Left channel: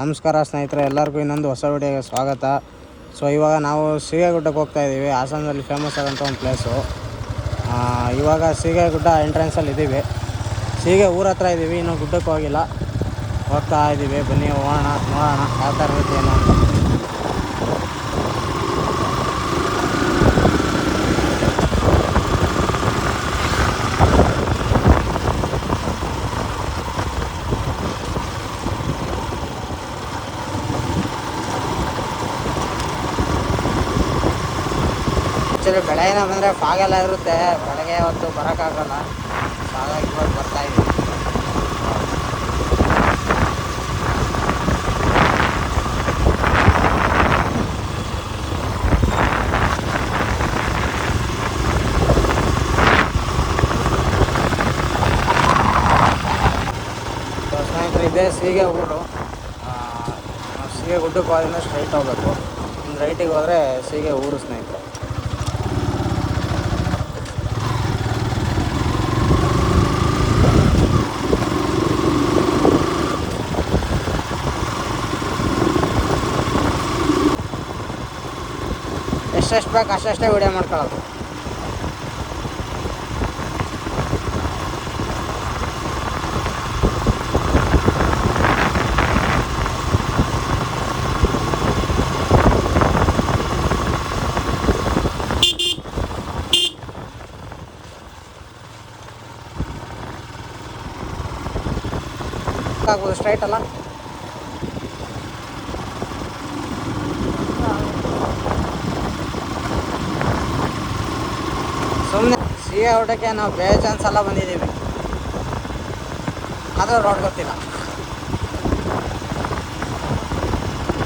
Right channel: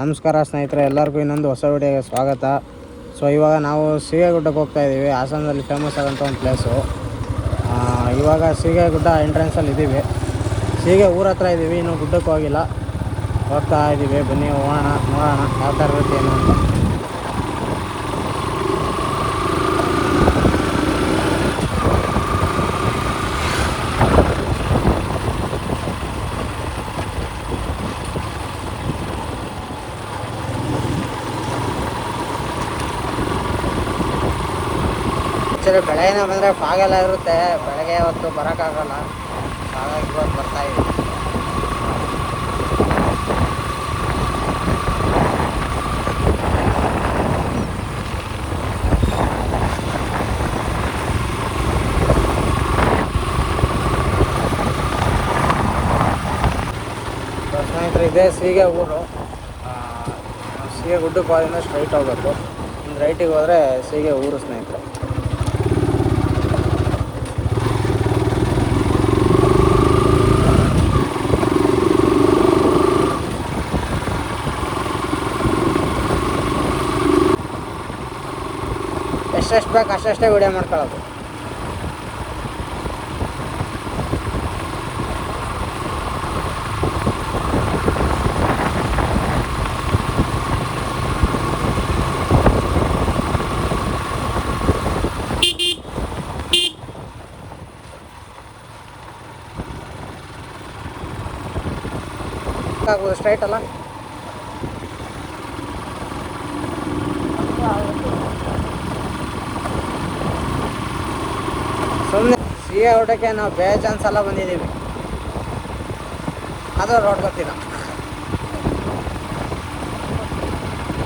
ನಮಸ್ಕಾರ ಸ್ನೇಹಿತರೆ, ಎಲ್ಲರಿಗೂ ಇನ್ನೊಂದು ಹೊಸ ವಿಡಿಯೋಗೆ ಸ್ವಾಗತ. ಸೊ ಇವಾಗ ನಾವು ಸೀಗೆಗುಡ್ಡಕ್ಕೆ ಹೋಗ್ತಾ ಇದ್ದೀವಿ. ಹಾಸನದಲ್ಲಿ ಫೇಮಸ್ ಆದಂಥ ಒಂದು ಪ್ಲೇಸು ಇವಾಗ ಸೀಗೆಗುಡ್ಡ ಎಂಟ್ರೆನ್ಸಲ್ಲಿ ಇದ್ದೀವಿ ಸೀಗೆ ಊರ ಹತ್ರ ಇದ್ದೀವಿ ಇನ್ನೂ ಗುಡ್ಡಕ್ಕೆ ಹೋಗಿಲ್ಲ. ಹೋಗ್ತಾ ಇದ್ದೀವಿ ಬನ್ನಿ, ಹೋಗೋಣ, ನೋಡೋಣ, ಯಾವ ಥರ ಇರುತ್ತೆ ಏನು ಅಂತ. ಆ್ಯಕ್ಚುಲಿ ಬೆಳಗಿನ ಬಂದರೆ ಫಾಗೆಲ್ಲ ಇರುತ್ತೆ. ಬೆಳಗ್ಗೆ ಹೊತ್ತು ಬರೋಕ್ಕಾಗಲ್ಲ ಹಾಗಾಗಿ ಇವತ್ತು ಬರ್ತಾ ಇದ್ದೀವಿ ಇದೇ ಸೀಗೆ ಊರು. ಸೀಗೆ ಗುಡ್ಡಕ್ಕೆ ಹೋದ್ರೆ ಸ್ಟ್ರೈಟ್ ಹೋಗ್ಬೇಕು. ಇನ್ನು ರೈಟಿಗೆ ಹೋದರೆ ಸೀಗೆ ಊರು, ಸ್ನೇಹಿತರೆ. ಎಷ್ಟೆಷ್ಟು ಬೇಕು ಅಷ್ಟೆಷ್ಟೇ ವಿಡಿಯೋ ಮಾಡ್ಕೊಳ್ಳೋದು. ಸ್ಟ್ರೈಟ್ ಅಲ್ಲ? ಸಿಹಿ ಊಟಕ್ಕೆ ನಾವು ಬೇಜಾನ್ ಸಲ ಬಂದಿದ್ದೀವಿ. ಆದರೂ ರೋಡ್ ಗೊತ್ತಿಲ್ಲ.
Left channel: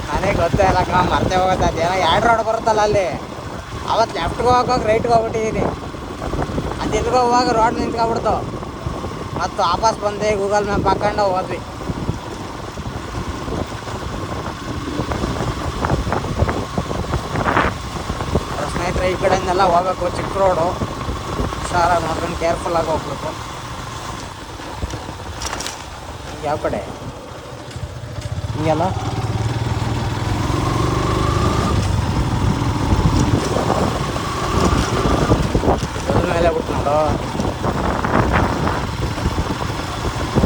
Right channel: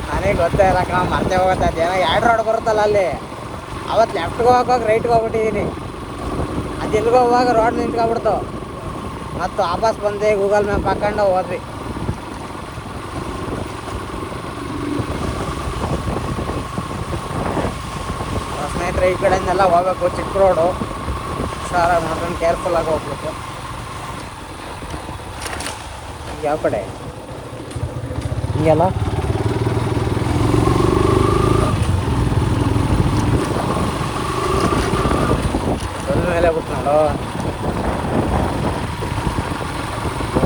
ನನಗೆ ಗೊತ್ತೇ ಇಲ್ಲ ಕಣ, ಮರ್ತೇ ಹೋಗುತ್ತೆ. ಅದೇನೋ ಎರಡು ರೋಡ್ ಬರುತ್ತಲ್ಲ ಅಲ್ಲಿ. ಅವತ್ತು ಲೆಫ್ಟ್ಗೆ ಹೋಗೋಕೆ ರೈಟ್ಗೆ ಹೋಗ್ಬಿಟ್ಟಿದ್ದೀನಿ. ಅದು ಎಲ್ಲಿಗೆ ಹೋಗುವಾಗ ರೋಡ್ ನಿಂತ್ಕೊಬಿಡ್ತು. ಮತ್ತು ವಾಪಸ್ ಬಂದೆ ಗೂಗಲ್ ಮ್ಯಾಪ್ ಹಾಕೊಂಡು ಹೋದ್ವಿ. ಸ್ನೇಹಿತರೆ, ಈ ಕಡೆಯಿಂದೆಲ್ಲ ಹೋಗ್ಬೇಕು ಚಿಕ್ಕ ರೋಡು ಹುಷಾರಾಗಿ ನೋಡ್ಕೊಂಡು ಕೇರ್ಫುಲ್ಲಾಗಿ ಹೋಗ್ಬೇಕು. ಯಾವ ಕಡೆ? ಹಿಂಗೆಲ್ಲ ಮೇಲೆ ಬಿಟ್ಟು ನೋಡು.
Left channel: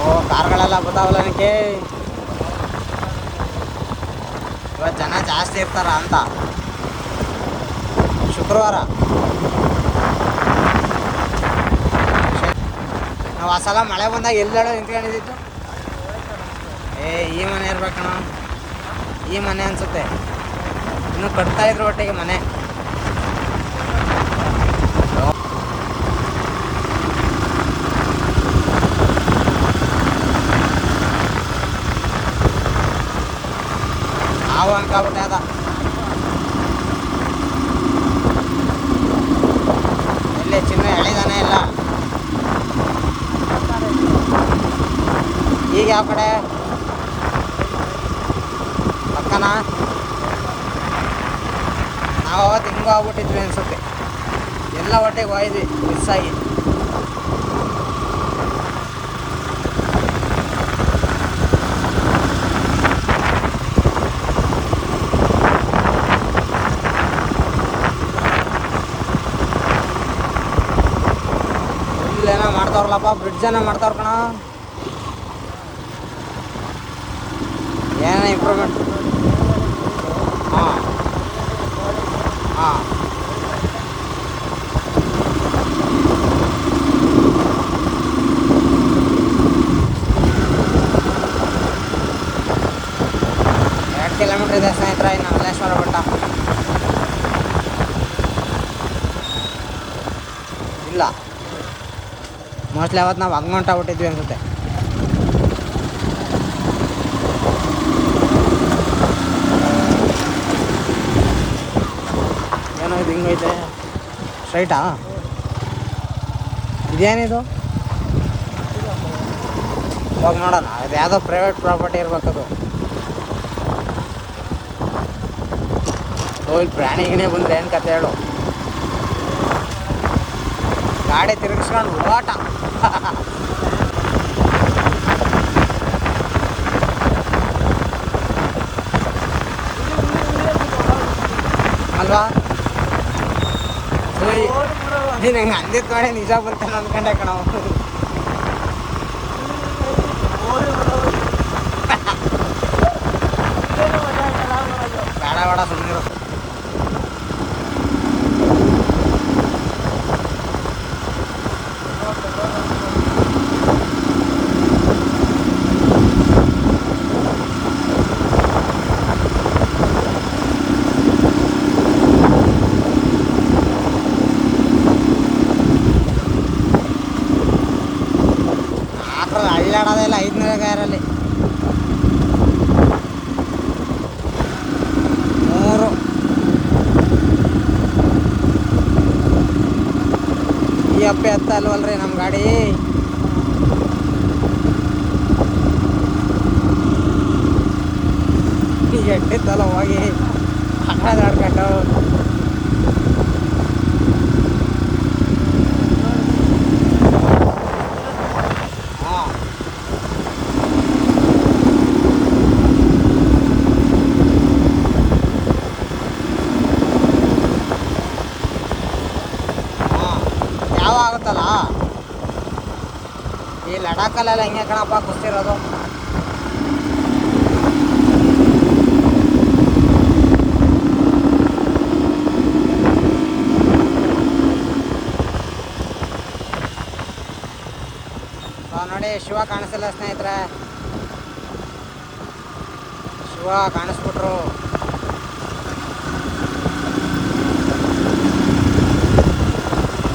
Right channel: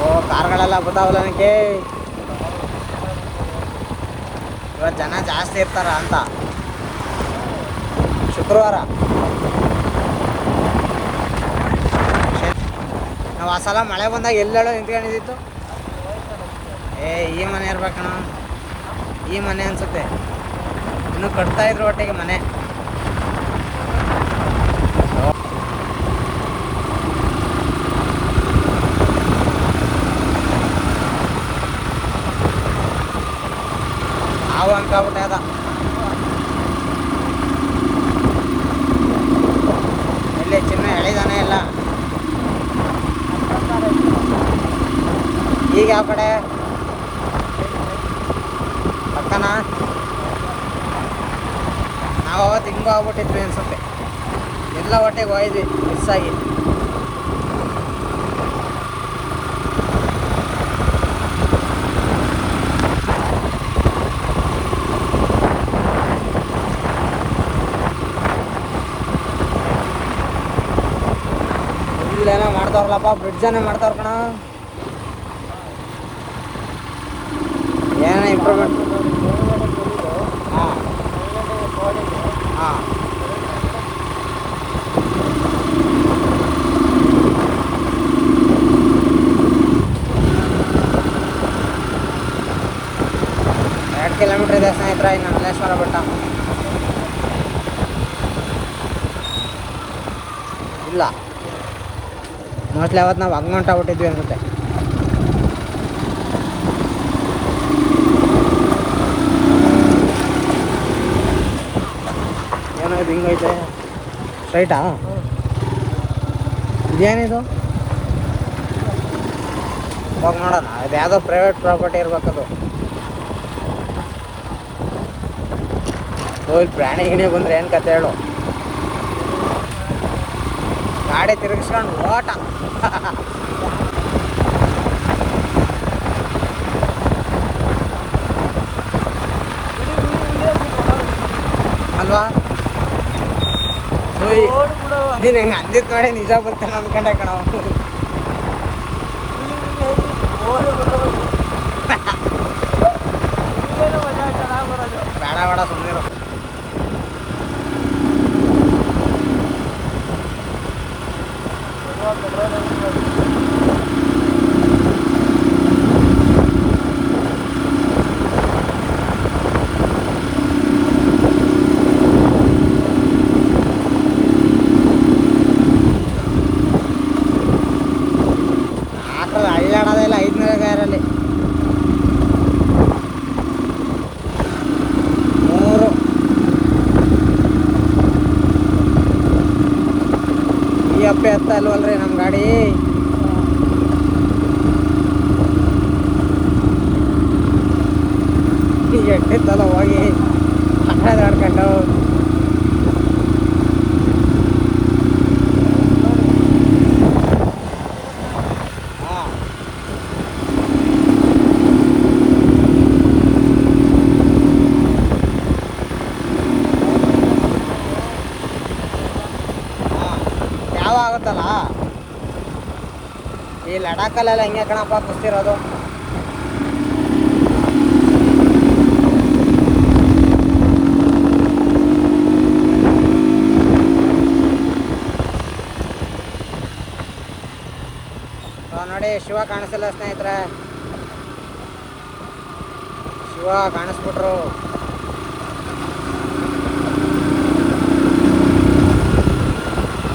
ಓ, ಕಾರ್ಗಳೆಲ್ಲ ಬರ್ತಾವಲ್ಲ ನನಗೆ? ಇವತ್ತು ಜನ ಜಾಸ್ತಿ ಇರ್ತಾರ ಅಂತ. ಶುಕ್ರವಾರ. ನಾವು ಆ ಸಲ ಮಳೆ ಬಂದಾಗ ಎಲ್ಲೆಲ್ಲ ನಿಂತ್ಕೊಂಡಿದ್ದಿತ್ತು. ಏ, ಈ ಮನೆ ಇರ್ಬೇಕಣ ಈ ಮನೆ ಅನ್ಸುತ್ತೆ. ಇನ್ನು ಕಟ್ತಾ ಇದ್ರು ಒಟ್ಟಿಗೆ ಮನೆ. ಹಾವು ಅನ್ಕೊಬಿಟ್ಟೆ ಅದ. ಎಲ್ಲಿ ಚಿನ್ನ ಎಳಿದಾನೆ ಇಲ್ಲ. ಈಗ ಯಾವ ಕಡೆ. ಪಕ್ಕನ? ನಾವು ಅವತ್ತು ಹಿಂಗೂ ಆಗ್ಬಿಟ್ಟಿದ್ವಿ ಅನ್ಸುತ್ತೆ. ಎಲ್ಲ ಹೊಟ್ಟೆಗೆ ಹೋಯ್ದು ಮಿಸ್ ಆಗಿ. ಇಲ್ಲೇನೋ ಮಾಡ್ತಾವ್ರಲ್ಲಪ್ಪ ಬ್ರಿಡ್ಜನ್ನ ಮಾಡ್ತಾವ್ರ ಕಣ ಏನೋ ಇಂಪ್ರೂವ್ಮೆಂಟ್ ಹಾಂ. ಹಾಂ. ಎರಡು ಕಿಲೋಮೀಟ್ರ್ ಇದೆ ಸ್ನೇಹಿತರ ಇನ್ನು ಮಲ್ಲೇಶ್ವರ ಬೆಟ್ಟ. ಇಲ್ಲ. ಮೋಸ್ಟ್ಲಿ ಅವತ್ತು ನಾವು ಹಂಗೆ ಹೊಂಟಾಗ್ಬಿಟ್ಟಿದ್ವಿ ಅನ್ಸುತ್ತೆ. ಇದು ಹಿಂಗೈತೆ ಸ್ಟ್ರೈಟಾ ಇದೇನಿದು? ಹೋಗಿ ನೋಡೋಣ, ಅದು ಯಾವುದೋ ಪ್ರೈವೇಟ್ ಪ್ರಾಪರ್ಟಿ ಇರ್ಬೇಕದು. ಇಲ್ಲಿ ಪ್ರಾಣಿ ಏನೇ ಬಂದ್ರೆ ಏನು ಕತೆ ಹೇಳು. ಗಾಡಿ ತಿರುಗಿಸ್ಕೊಂಡು ಓಟ. ನೀನು ಹೆಂಗೆ ಅಂದಿದ್ ನೋಡಿ ನಿಜ ಬರ್ತಾನೆ ಅನ್ಕೊಂಡೆ ಕಣವ ಬೇಡ ಬೇಡ ಸುಮ್ಮನಿರು ಈ ಅಪ್ಪೆ ಹತ್ತ ಅಲ್ವಲ್ರಿ ನಮ್ಮ ಗಾಡಿ? ಎಟ್ಟಿತ್ತಲ್ಲ ಹೋಗಿ ಆಡ್ಕೊಂಡು. ಹಾಂ ಯಾವ ಆಗುತ್ತಲ್ಲ ಈ ಲಡಾಖಲ್ಲೆಲ್ಲ ಹೆಂಗೆ ಕಣಪ್ಪ, ಕುಸ್ತಿರೋದು. ನೋಡಿ, ಶಿವ ಕಾಣಿಸಲ್ಲ ಸ್ನೇಹಿತರೆ. ಶಿವ ಕಾಣಿಸ್ಬಿಟ್ರು.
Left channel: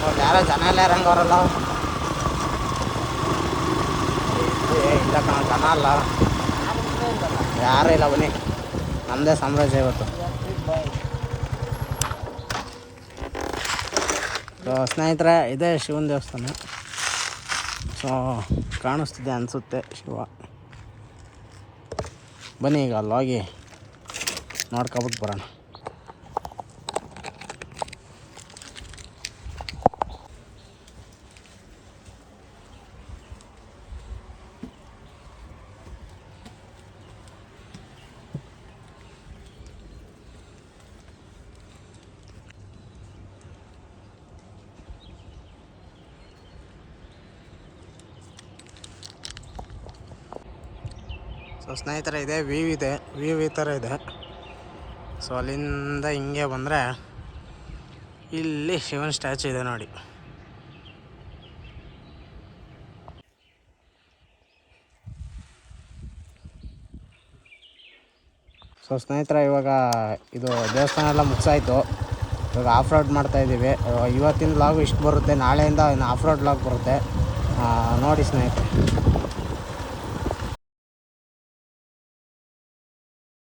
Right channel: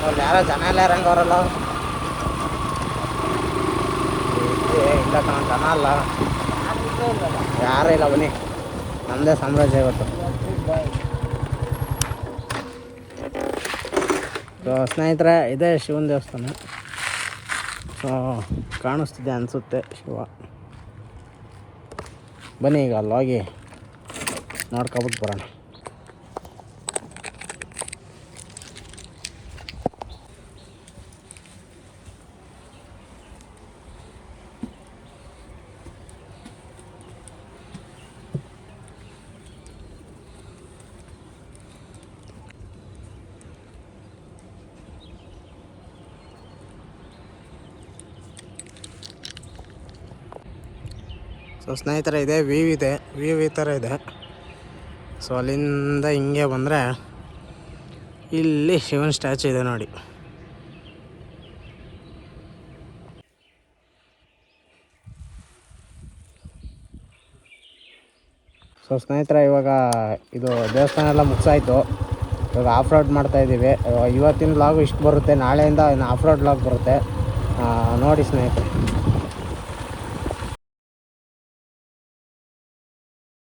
ಅವ್ರು ಯಾರೋ ಜನ ಎಲ್ಲ ಇರಂಗ ಅವರಲ್ಲ. ಏ, ಇಲ್ಲ ಕಣ ಜನ ಅಲ್ಲ. ಯಾರೂ ಇಲ್ಲ ಬನ್ನಿ. ನಮ್ಮದೇ ಸಾಮ್ರಾಜ್ಯ ಇವತ್ತು. ಸೊ ಸ್ನೇಹಿತರೆ ಇದೇ ಶಿವನ ದೇವಸ್ಥಾನ. ಸೊ ಕಾಣಿಸ್ತಿದೆ ಅನಿಸುತ್ತೆ ಶಿವ. ಬನ್ನಿ ಈಗ ಅಲ್ಲೋಗಿ ನೋಡ್ಕೊಬಿಟ್ಟು ಬರೋಣ. ಸೊ ಸ್ನೇಹಿತರೆ, ಇದೆ ವ್ಯೂ ಇದೆ. ವ್ಯೂ ಈ ಥರ ಇದೆ. ಸೊ ಅಲ್ಲಿಂದ ಹಿಂಗೆ ಬಂದರೆ ಇಲ್ಲಿ ಶಿವನ್ ಸ್ಟ್ಯಾಚು ಇದೆ ನೋಡಿ. ಸೊ ಸ್ನೇಹಿತರೆ, ಇವಾಗ ಇದು ದೇವಸ್ಥಾನ ಎಲ್ಲ ಮುಗಿಸಾಯಿತು. ಇವಾಗ ಆಫ್ ರೋಡ್ ಮಾಡ್ತಾ ಇದ್ದೀವಿ. ಇವತ್ತಿನ ಲಾಗು ಇಷ್ಟು ಬರುತ್ತೆ. ನಾಳೆಯಿಂದ ಆಫ್ ರೋಡ್ ಲಾಗ್ ಬರುತ್ತೆ. ನೋಡಿ ಸ್ನೇಹಿತರೆ.